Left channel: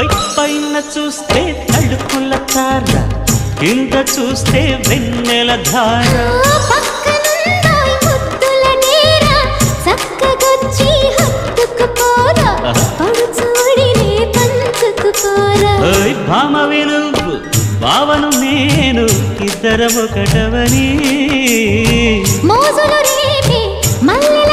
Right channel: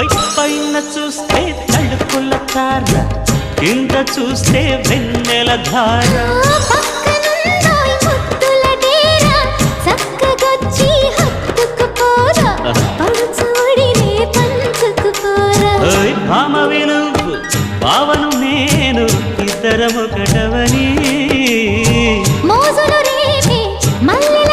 పైన చూస్తే తడుకుల తార, కింద చూస్తే వెన్నెల ధార. పక్కనుందాయి ముద్దుల డేరా, చక్కగొచ్చి హత్తుకుపోరా, పడుచోడినే పంచుకుపోరా. భామవి నువ్వు, భావను నేను, ఇద్దరమొకటవని మోజులు రేపే మల్లె